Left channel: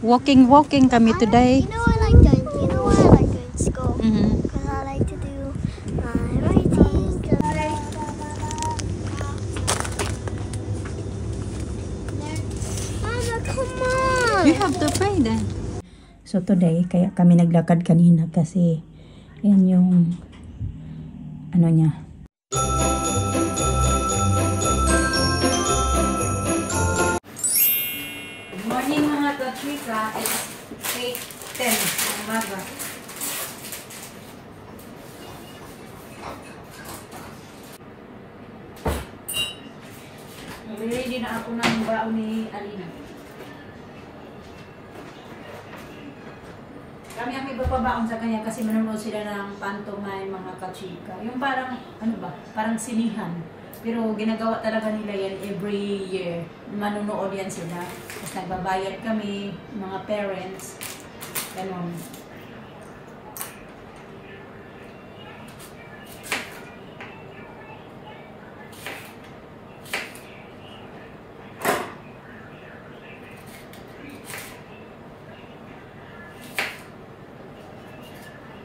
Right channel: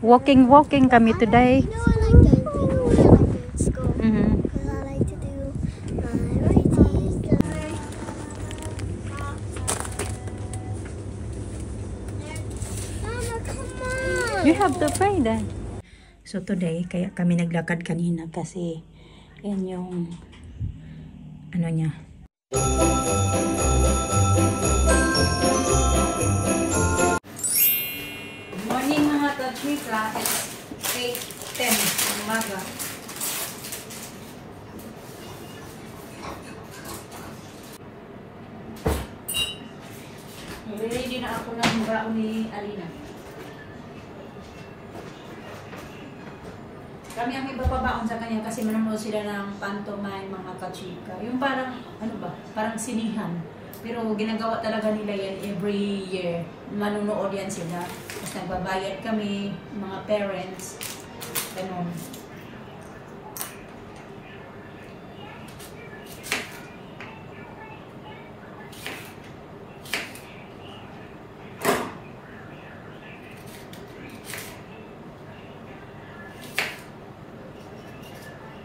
Walking kami today. You know I like going. You know why I like going to school? Because I like to do writing. Mama, come on. You have to pray then. So today, kaya kami naglakad kanina kasi yan yung ano niya. Good morning mga ka-chika. It's 8:10 umaga. Ready na ako ng baon ni Alina. Kami ang ipapabaon sa kanya kasi manonood sila ng pantomime mga ka-chika. Yung parang, ano ba, parang sinihan. Pero ginagawa talaga nila yan every year. Manonood yan sila. Tapos nagbabayad kami, mga parents. Ganun.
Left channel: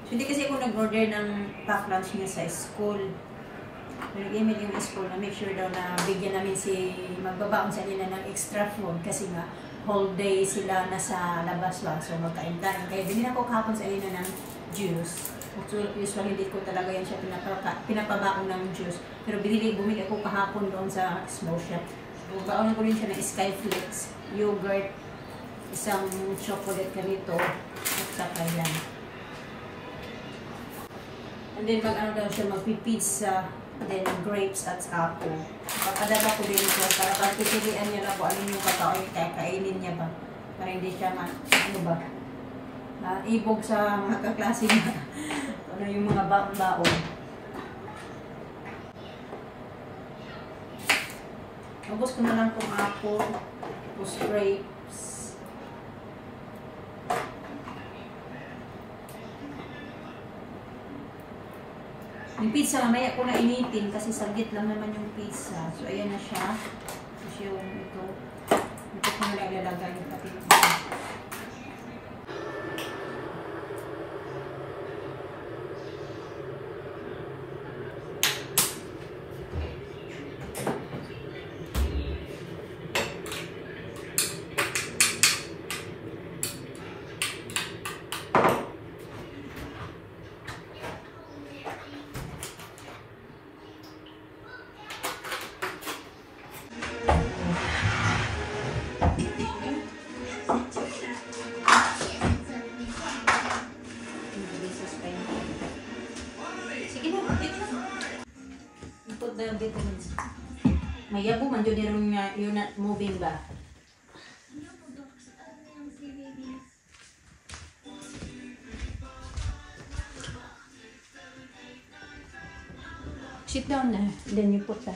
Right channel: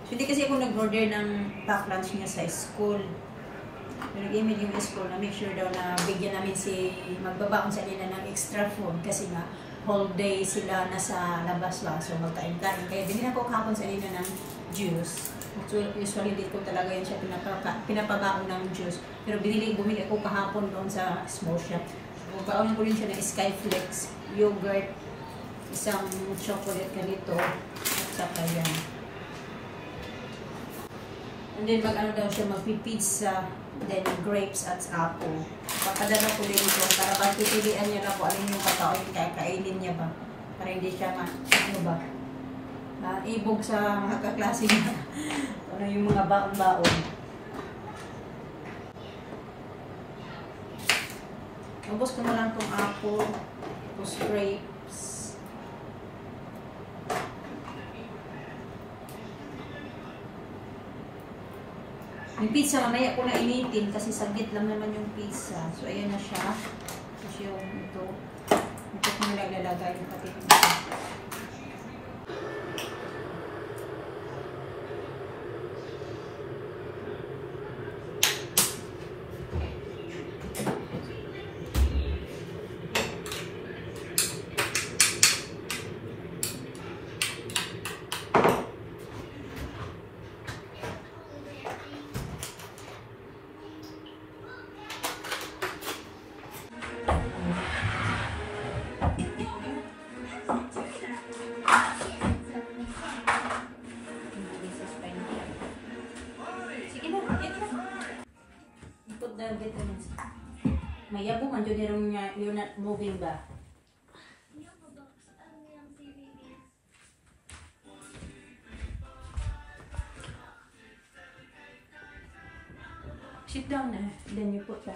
Hindi kasi ako nag-order ng pack lunch niya sa school. Nag-email yung school na make sure daw na bigyan namin si magbabaon sa nila ng extra food kasi nga whole day sila nasa labas lang. So magkain-kain. Kaya binili ako kahapon sa nila ng juice. Usually hindi ko talaga yun siya pinapabaon ng juice. Pero bumili ako kahapon doon sa small shop. Baonin ko rin siya ng Skyflex, yogurt, isang chocolate ganito, at saka yan. And then mag-ano daw siya, magpipizza, then grapes at apple. Papadala ko din ito para pagpipilian niya na po alin yung kakainin niya ba. Para hindi siya ano ba, ibog sa mga kaklase niya. Ano yung mga baon-baon. Ubos ko na lang itong apple, tapos grapes. Yung pizza, mamaya ko na initin kasi saglit lang naman yung pizza. So, ayan na siya. Tapos yung ito ko nilalagay yung pati yung ito. The vitamins. Mayabo man jud yung you're not moving ba? Sit down na, then you put that.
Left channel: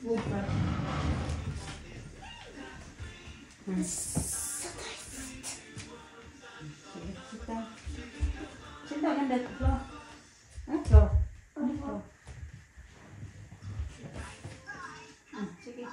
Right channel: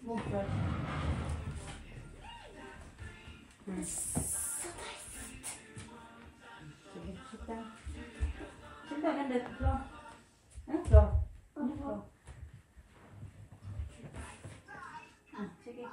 Move right. Sige, sit down. Sit down on that floor. Floor. Floor. Sige.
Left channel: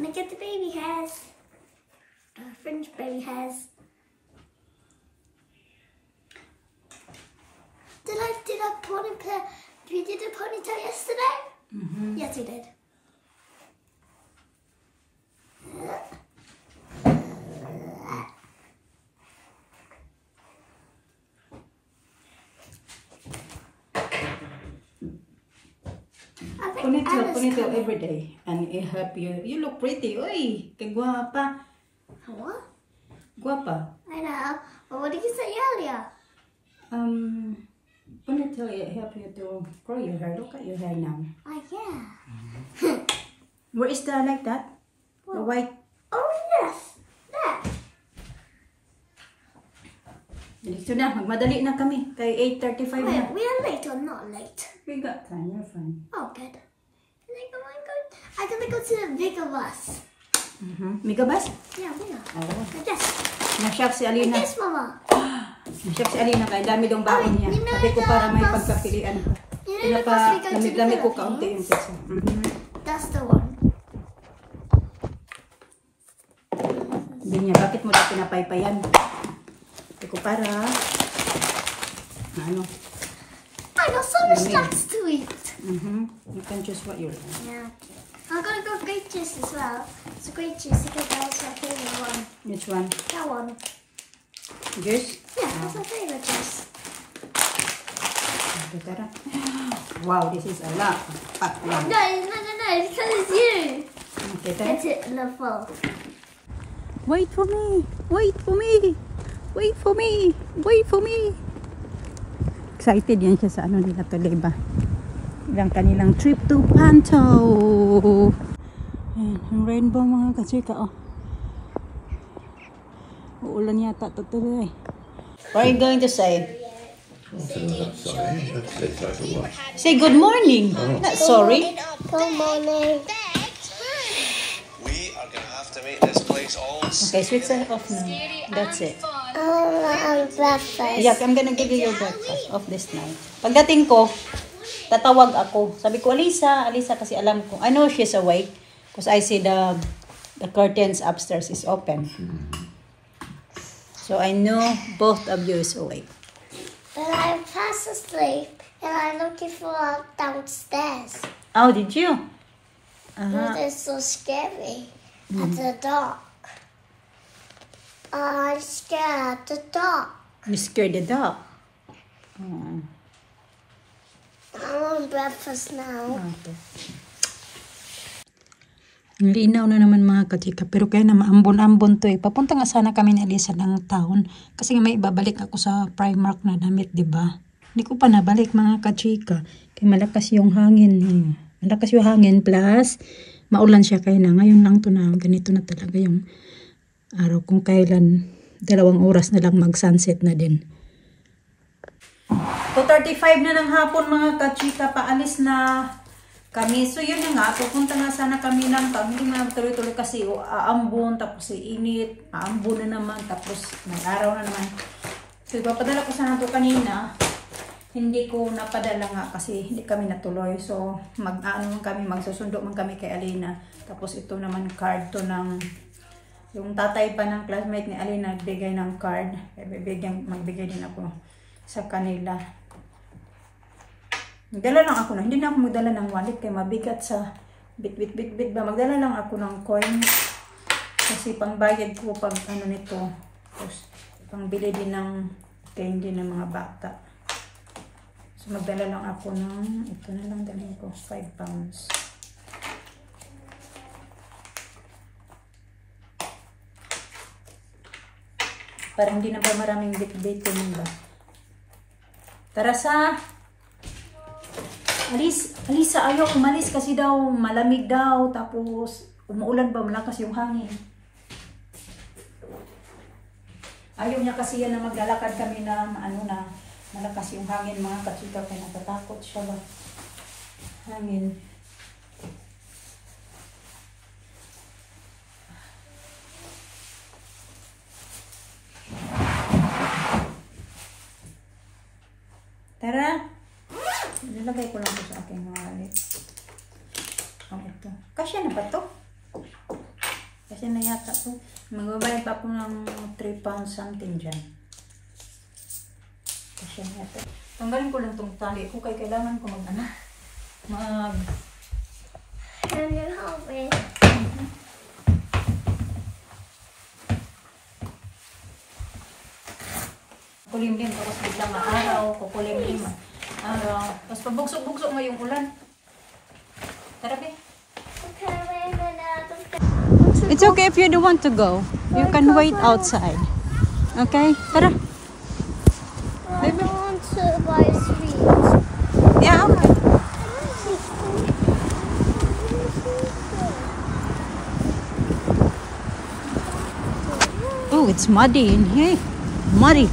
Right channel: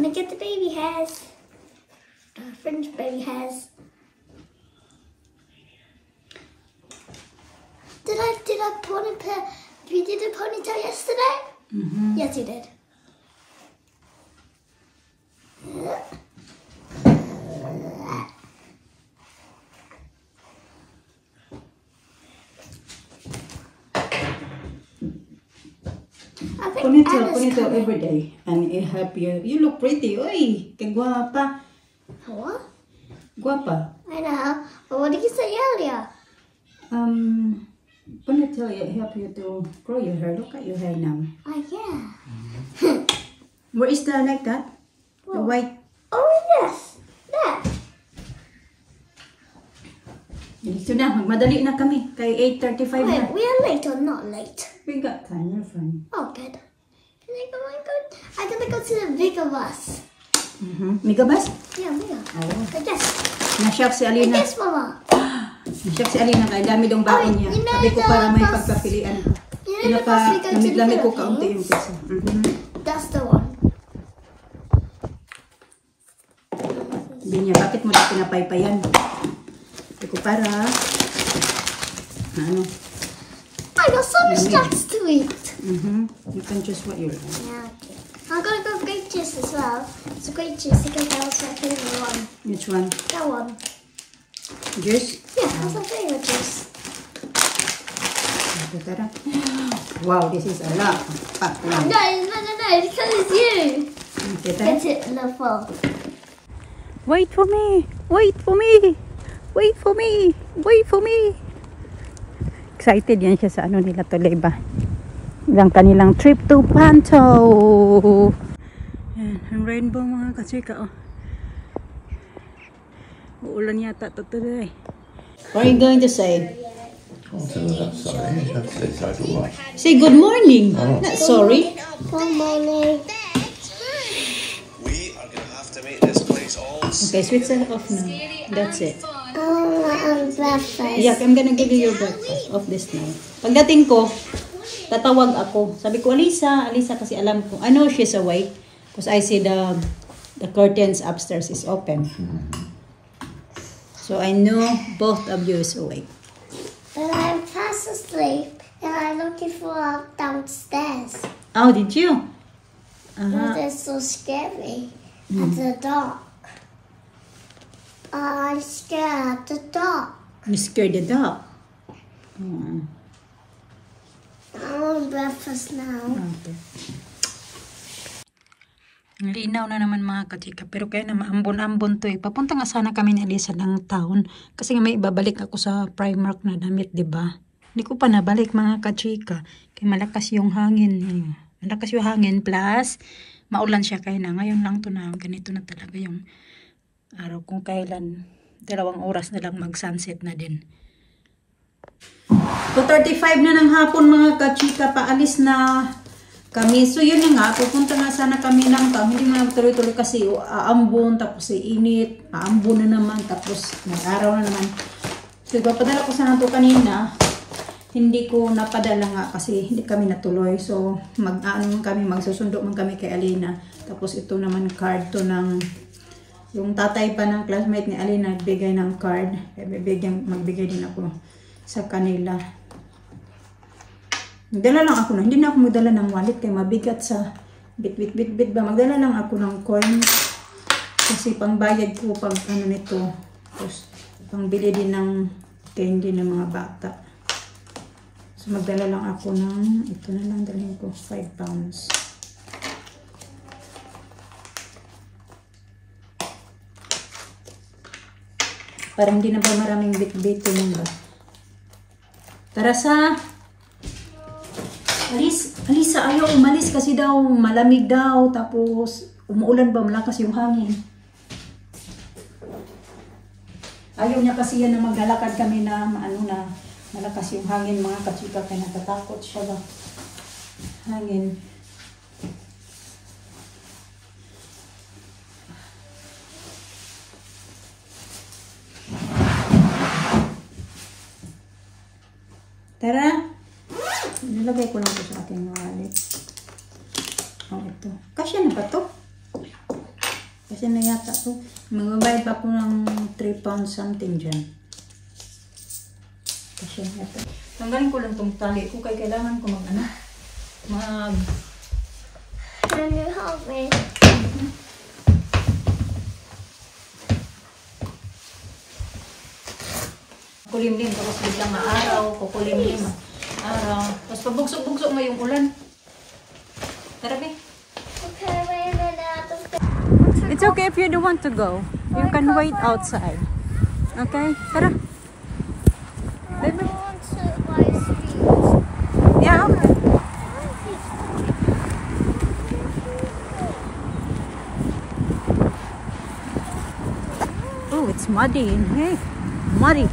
Look at the baby hairs. Fringe baby hairs. Did I ponytail? You did a ponytail yesterday? Yes, you did. Ponytail every day, and it help you. You look pretty. Oy, kay guapa. What? Guapa. I know. But what did you say earlier? Ponytail it help you to grow your hair. Look at your hair now. Oh yeah. Where is the like that? The What? white. Oh yes. There. Dito na, magmadali na kami. Kay 8:35 na. Wait, we are late or not late? We got time, you're fine. Oh good. I'm gonna go to the bigger bus. Megabus? Yeah, bigger. Oh. Like this. Na-shock si Like Alina. this, Mama. Na-shock si Alina kay dami dong baon niya. you know Sabi ko the para may bus- pagpapilian ko. You know the bus we go to the Lamig-lamig ko kaunti Philippines? yung pizza. That's the one. Sabi niya, bakit mo ito pinapaypayan? Sabi ko para, ano, I got so much snacks to eat. you can choose what you like. Yeah, okay. I'm gonna go grape juice as well. So grape juice because that's my favorite one. Which one? That one. Juice? Yeah, that's my favorite juice. Sabi tara. Wow, this is a lot. Pack lang. No, because it's you. Okay, tara. Put it in the bowl. Wait for me! Wait for me! Wait for me! Wait for me! Excited yan siya sa ano nila tuloy ba? Yung kanilang trip to Panto! Yan, ang rainbow mga kachika oh. Uulan yata ito today. What are you going to say? Say good morning! Not sorry. Good morning. We are going to have to make this place all Okay, switch it off now. That's it. I'm breakfast. Yeah, I'm gonna give you your breakfast of this night. Pagdating ko, tatawag ako. Sabi ko, Alisa, kasi alam ko. I know she's awake because I see the curtains upstairs is open. So I know both of you is awake. But I'm fast asleep and I'm looking for downstairs. Oh, did you? Because it's so scary at the dark. I'm scared at the dark. You scared the dog? Oh, I want breakfast now. okay. Linaw na naman mga kachika. Pero kaya na maambon-ambon to eh. Papunta nga sana kami ni Alisa ng town. Kasi nga may ibabalik ako sa Primark na damit, diba? Hindi ko pa nabalik mga kachika. Kaya malakas yung hangin. Malakas yung hangin plus maulan siya kaya na. Ngayon lang to na ganito na talaga yung araw. Kung kailan 2 oras na lang mag-sunset na din. 2:35 na ng hapon mga kachika. Paalis na kami. So yun na nga, pupunta nga sana kami ng town. Hindi man tuloy-tuloy kasi aambon, tapos init, aambon na naman, tapos nag-araw na naman. So ipapadala ko sana ito kanina. Hindi ko napadala nga kasi hindi kami natuloy. So magsusundo man kami kay Alina. Tapos ito naman card to ng yung tatay pa ng classmate ni Alina nagbigay ng card. Magbigay din ako sa kanila. Magdala lang ako na. Hindi na ako magdala ng wallet kaya mabigat sa bit ba. Magdala lang ako ng coins. Kasi pangbayad ko pag ano nito. Tapos pangbili din ng candy ng mga bata. So magdala lang ako ng, ito na lang dalhin ko, 5 pounds. Parang hindi na ba maraming bit-bitin ba? Tara sa Alisa, ayaw umalis kasi daw malamig daw, tapos umuulan ba, malakas yung hangin. Ayaw niya kasi yan na maglalakad kami na malakas yung hangin mga kachika, kaya natatakot siya ba hangin. Tara! Nilagay ko lang ito sa aking wallet. Oh, ito. Kasya na ba ito? Kasi na yata to. Magbabayad pa po ng 3 pounds something dyan. Kasi na yata. Tanggalin ko lang tong tali ko kaya kailangan ko Can you help me? Kulimlim, tapos biglang araw, kukulimlim, araw. Tapos pabugsok-bugsok ngayong ulan. Tara, be. Okay, wait a minute. It's okay if you don't want to go. You can wait outside. Okay? Tara. I want to buy sweets. Yeah, okay. Oh, it's muddy in here. Muddy.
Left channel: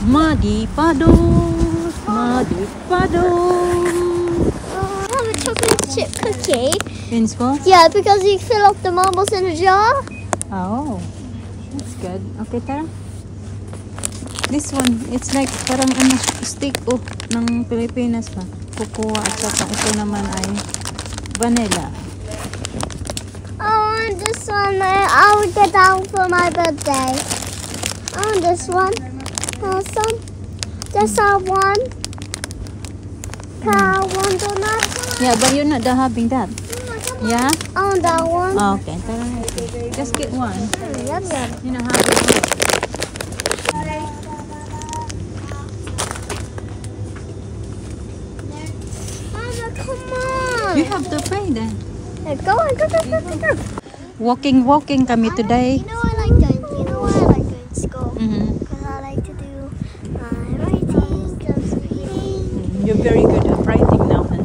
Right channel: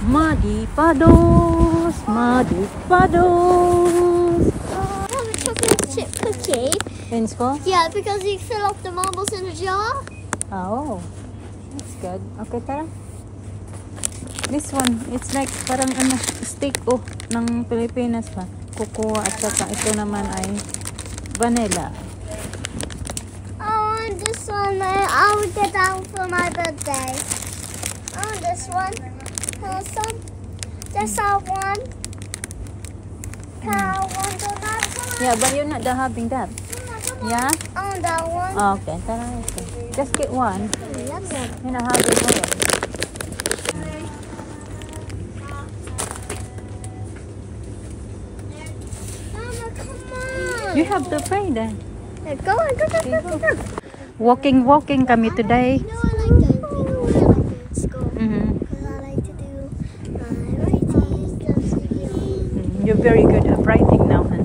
Muddy puddles. Muddy puddles. I have a chocolate chip cookie. In school? Yeah, because you fill up the marbles in a jar. Oh, that's good. Okay, tara. This one, it's like parang steak ng Pilipinas ba? Cocoa at saka ito naman ay vanilla. I want this one. I will get out for my birthday. I want this one. This one. This one. Can I want donut? Yeah, but you're not having that. Yeah? I want that one. Okay, tara. Okay. Just get one. Yum, yum. You're not having one. Mama, come on. You have to pay then. Yeah, go on, go. Walking kami today. You know I like going to school. Mhm. Because I like to do writing, reading. You're very good at writing now and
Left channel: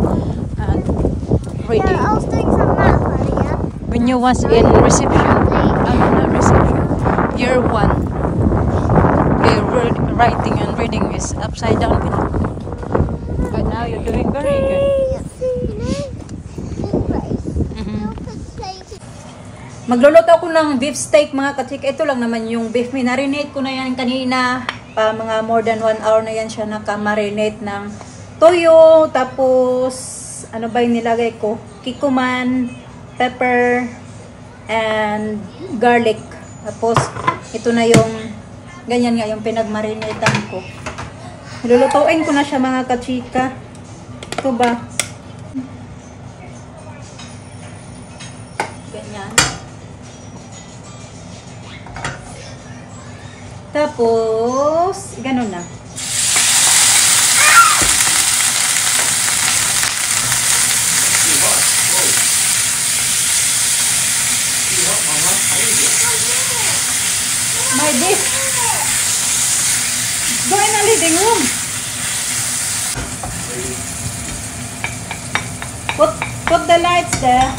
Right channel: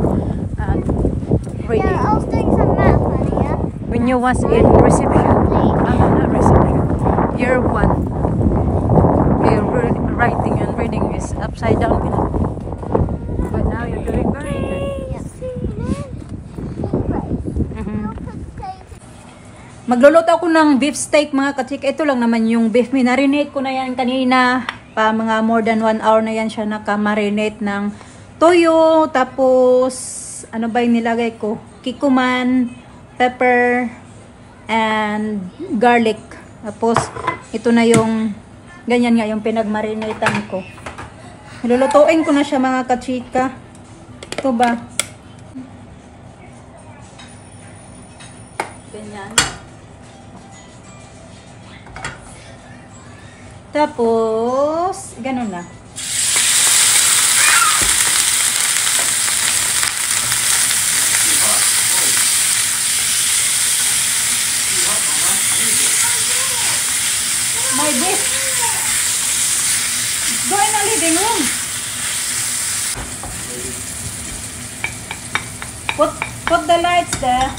reading. Yeah, I was doing some math earlier. When you was in reception, not reception, year 1, writing and reading is upside down. But now you're doing very good. Magluluto ako ng beef steak mga kachik. Ito lang naman yung beef. Minarinate ko na yan kanina. Pa mga more than 1 hour na yan siya nakamarinate ng toyo. Tapos, ano ba yung nilagay ko? Kikuman, pepper, and garlic. Tapos, ito na yung, ganyan nga yung pinagmarinate ko. Nilulutuin ko na siya mga kachika. Ito ba? Ganyan. Tapos, ganun na. My beef. Go in the living room. Put the lights there.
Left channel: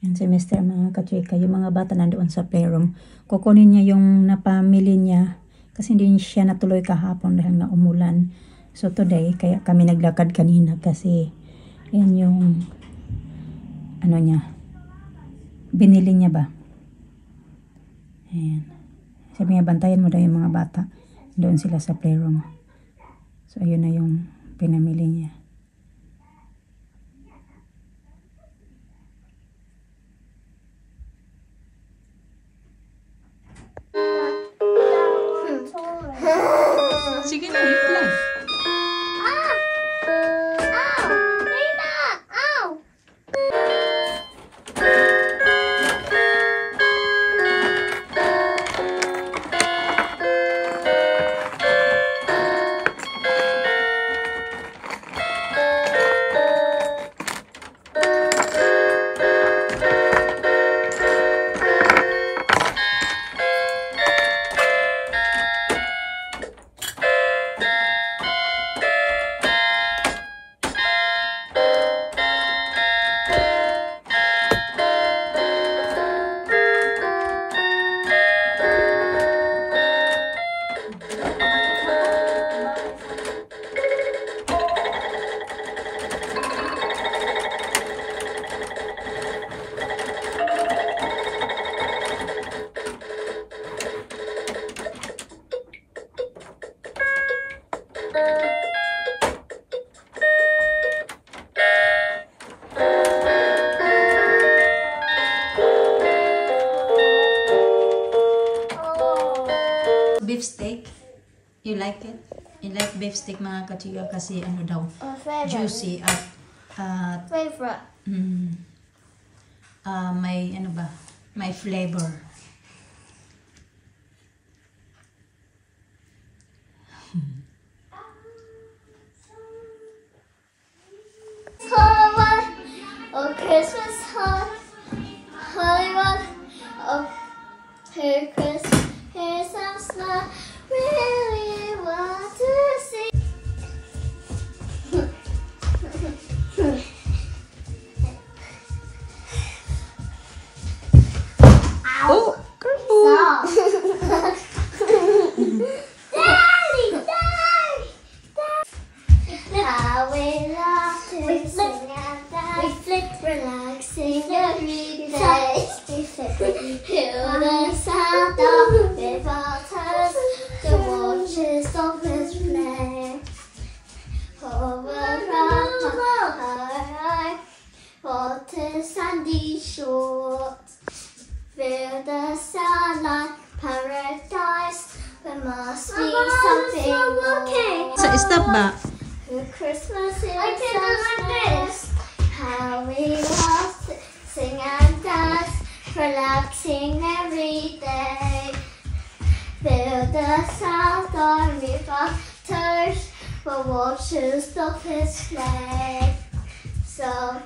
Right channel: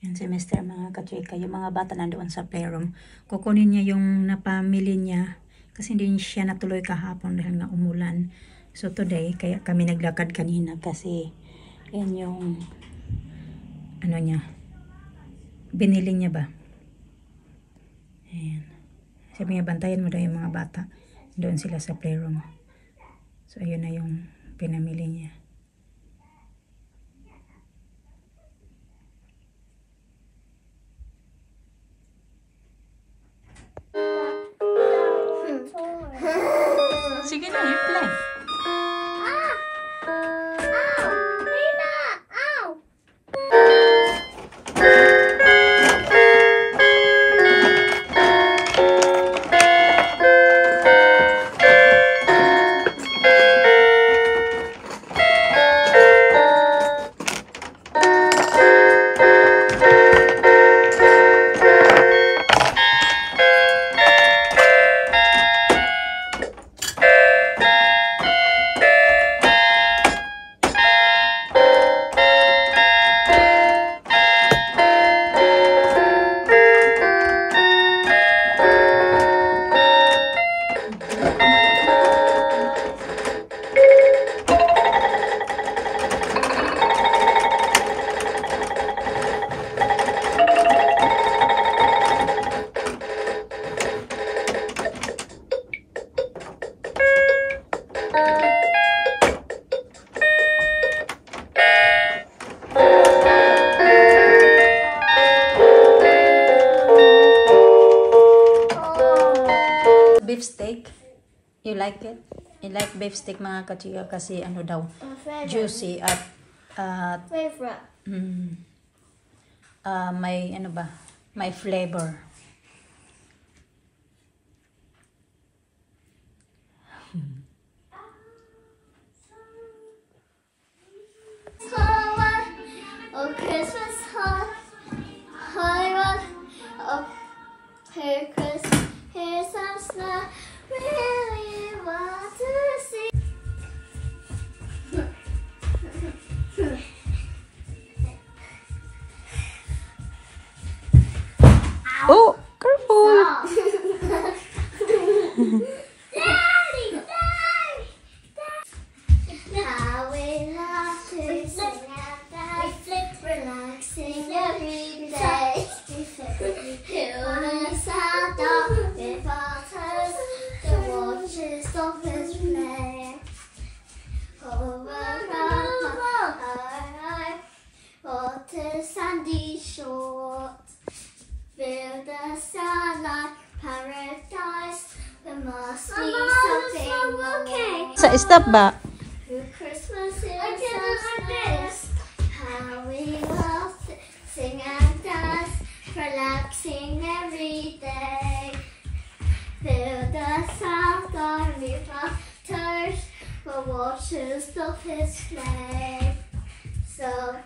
Yan si Mr. mga kachika, yung mga bata nandoon sa playroom. Kukunin niya yung napamili niya kasi hindi siya natuloy kahapon dahil nga umulan. So today, kaya kami naglakad kanina kasi yan yung ano niya, binili niya ba. Ayan. Sabi niya, bantayan mo daw yung mga bata. Doon sila sa playroom. So ayun na yung pinamili niya. Sige na, you play. Ah! Ow! Nina! Ow! You like it? You like beef steak mga kachiga kasi ano daw, My favorite. juicy at Favorite. may ano ba? May flavor. Hollywood, oh Christmas, Hollywood, oh here Christmas, here's some snow. Really want to see. Oh! Stop. Daddy, Daddy, Daddy. How we love to sing and dance, relaxing every day. Hear the sound of the waters, the watches of his play. Over our water sandy shores. Feel the sunlight, paradise. There must be something more. Sa stop ba? Christmas is Christmas. How we love to sing and dance, relaxing every day. Feel the sound of the waters, the watches of his play. So